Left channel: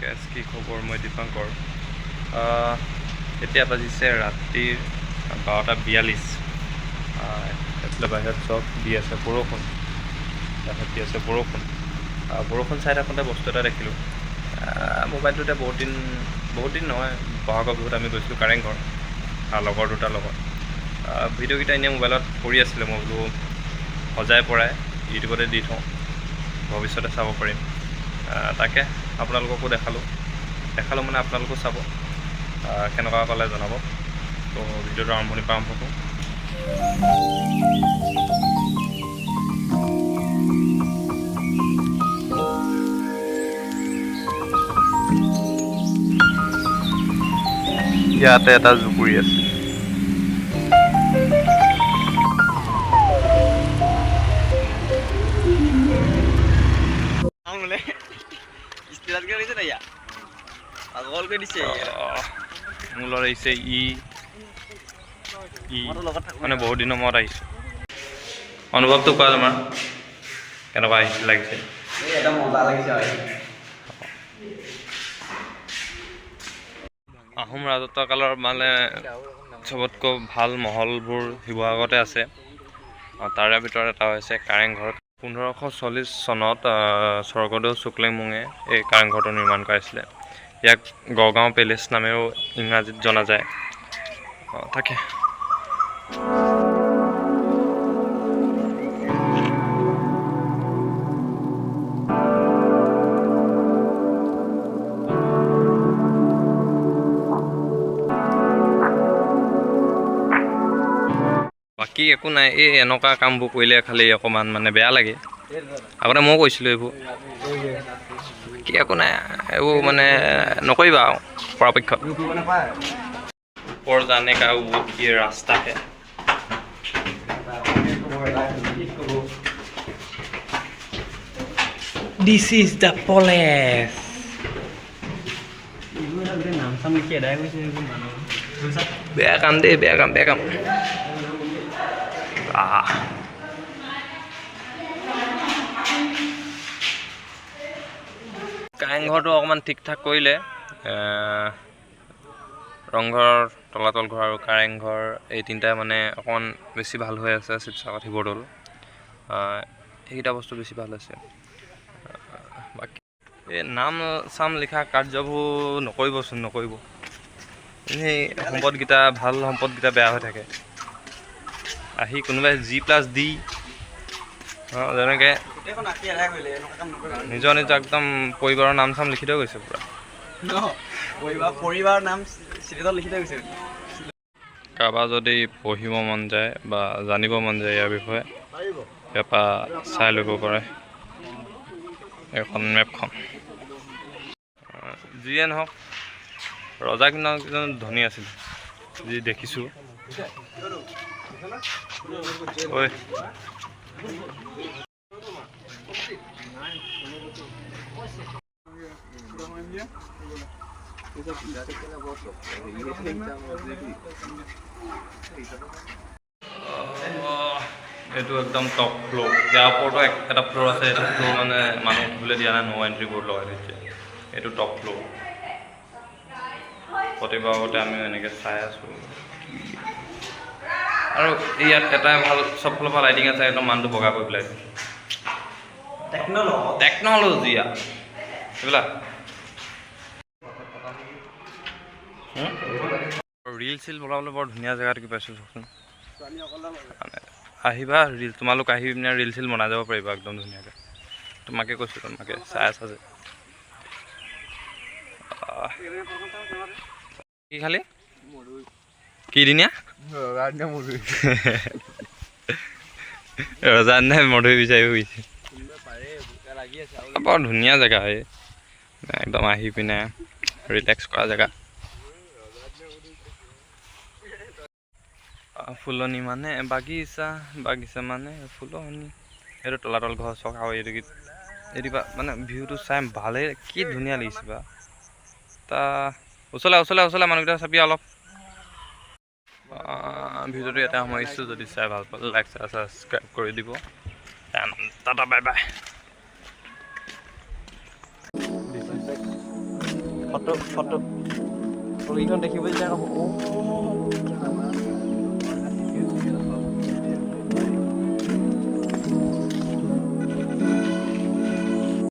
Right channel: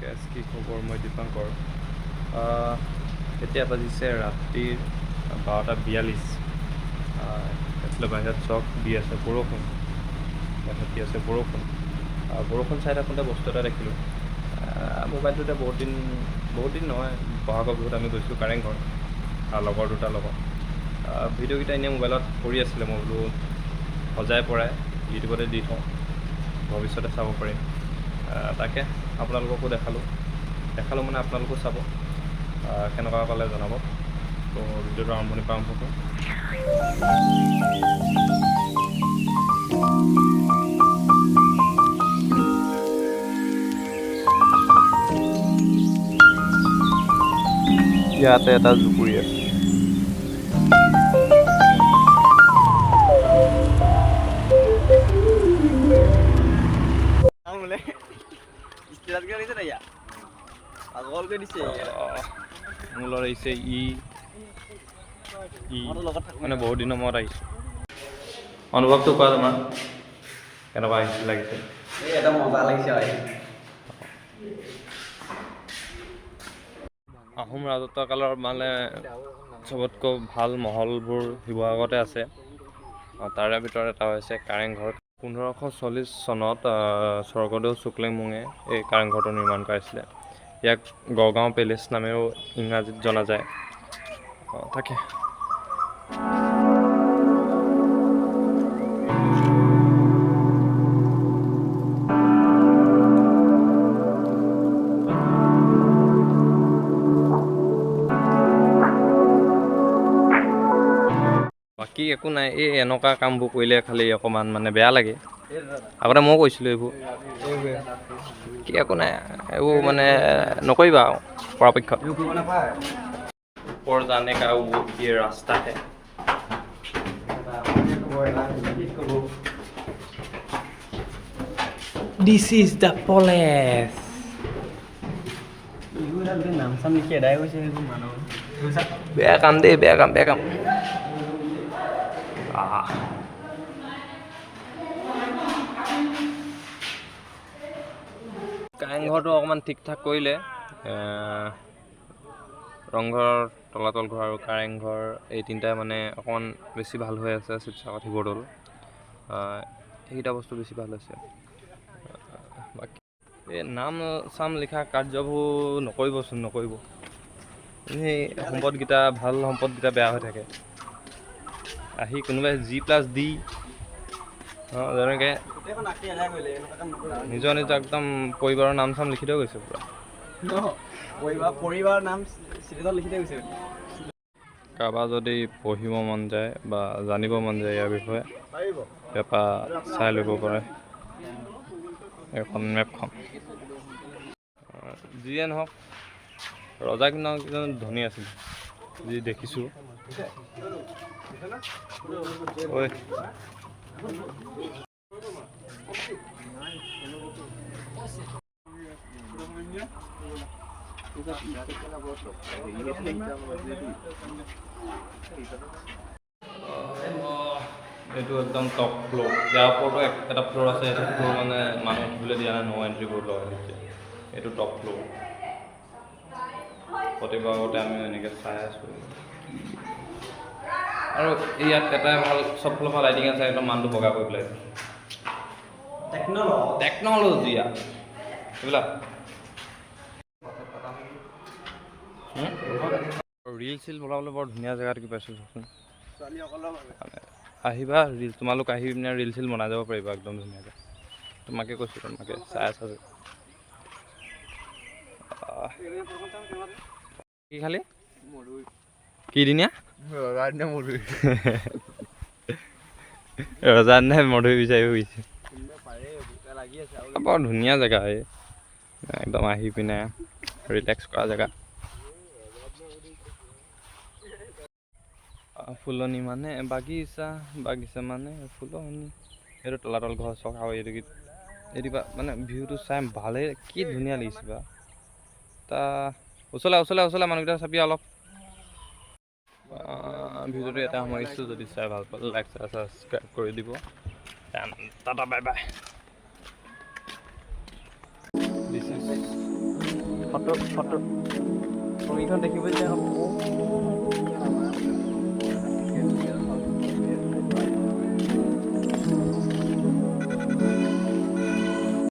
Gas কি খবৰ? মই দীপাংকৰ। এতিয়া বাজিছে ৰাতিৰ 12:42। এইফালে বাহিৰত চব দি আছে বৰষুণ, বাহিৰত দি আছে বৰষুণ। বৰষুণ চাই থাকোঁতে বস্তু এটা দেখিলোঁ মোবাইলটোতে। বহুত দিন নহয়, বহাগৰ বিহুত আমি গৈছিলোঁ কাৰেংঘৰ লগৰ দুটাৰ লগত। ভিডিঅ'কেইটা এনেই মোবাইলত পৰি আছিলে, মই বোলো সজাই পৰাই ইউটিউবতে দি থওঁ, ভৱিষ্যতে চাব পাৰিম। তাকে আপোনালোককো দেখালোঁ মানে আপোনালোকো চাব, কেনেকুৱা পালে জনাব। তো ভিডিঅ'টো আৰম্ভণিৰ পৰা আৰম্ভ কৰোঁ। ইয়াতে এটা জুপুৰি আছে। মূলত আহিছে মানে বহুত দিনৰ মূৰত আহিছোঁ। অনুভৱটো কোৱা তোমাৰ, কেনেকুৱা লাগিছে? আহোম ৰাজত্ব কালৰ মানে চবতকৈ ভাল মহলবোৰ শিৱসাগৰতে আছে। তাৰে ভিতৰত এটা হৈছে কাৰেংঘৰ। 1540 চনত স্বৰ্গদেউ শুক্লেংমুঙে এই কাৰেংঘৰটো নিৰ্মাণ কৰাইছিলে। ইয়াক গড়গাঁও পেলেচ নামেও ইংৰাজীত জনা যায়। তাকে বাকী একো নাই। এই এনেকুৱা কামবোৰ কৰিলে খালি অকণমান মানে বেয়া লাগে। আগতে ময়ো কৈছিলোঁ এইবোৰ, কি একো নাই, এইবোৰ মানে নকৰিবা আৰু পৰাপক্ষত। ওপৰ জানে কা वो ये रास्ता है। This is the place. বেয়া কাম দেই, বেয়া কাম। কাৰেংঘৰটো অকণমান ঠিক ঠাক কৰিলে। ৰংঘৰ, তলাতল ঘৰ আৰু কাৰেংঘৰ এই তিনিটাই মানে অকণমান বেছি ভাল হৈ আছে। শিৱসাগৰ শিৱদৌল এইকেইটা বস্তু বেছি ভাল হৈছে। বাকী এই নাম চাম লিখা কাৰ্যবোৰ নকৰিব। এই সম্পদকেইটা, ভাল সম্পদকেইটা বেয়া হৈ থাকে। আহি কোনোবাই G+D যেনেকৈ নিজৰ একদম পৰিবাৰৰ নাম চাম লিখি থৈ গৈছে পূৰা। পৰিবাৰৰ নাম লিখি থৈ গৈছে। কাৰোবাৰ যদি পঢ়িব মন যায় বা জানিব মন যায় ইয়াৰ বিষয়ে, ইয়াৰ পৰা চাই ল'ব পাৰে এখন মেপখন। যিয়ে নহওক, ৰজা কিন্তু ধনী আছিল যি দেখিছোঁ। ঐ এইটো একদম টপ ফ্ল'ৰ। ইয়াৰ ওপৰতো এটা ফ্ল'ৰ আছে। এটা ফ্ল'ৰ মানে মানুহ উঠিবলৈ দিয়া নাই, ন' এণ্ট্ৰি বৰ্ড লগাই দিছে। এইটো টপ ফ্ল'ৰ। প্ৰতিবাৰতে আমি এনেকৈ চাই আছোঁ। আৰু ইয়াত এটাই ভাল, চব ফালৰ পৰা লাইটিং আছে, একদম মানুহটো বগা কৰি পেলাইছে। টেকন'লজি এইবিলাক ৰিল চিল বনাবলৈ বৰ ধুনীয়া জেগা দেখি পাইছোঁ। চাওকচোন, আহিবা তোমালোক আহি পিনে ৰিল চিল বনাই যাব পাৰিবা একদম ধুনীয়াকৈ। তোমাকে কৈছোঁ, তোমাকে চাই আছা যে। কি খালি? কি দিনীয়া? ৰজাৰ দিনাই মধুৰি বিচাৰি ফুৰিছে। বৰ ধুনীয়া জেগা এই, একদম আহি পিনে ৰিলেক্স কৰা জেগা। ফুলনি মানে বাগিচা মানে ফুলনি। এইটো তলাতল ঘৰ চক। আৰু এইটো মানে ভিউটো চাই ভালেই, কি ধুনীয়া লাগিছে বা। ওচৰলৈ মানুহকেইটা চাবি অলপ। ভিডিঅ'টো ইয়াতে সামৰিছোঁ। যদি চাই ভাল পালে লাইক ছাবস্ক্ৰাইব কৰি দিব। Tata bye bye. Photo photo ফটোকেইখন দেখিব যে আকৌ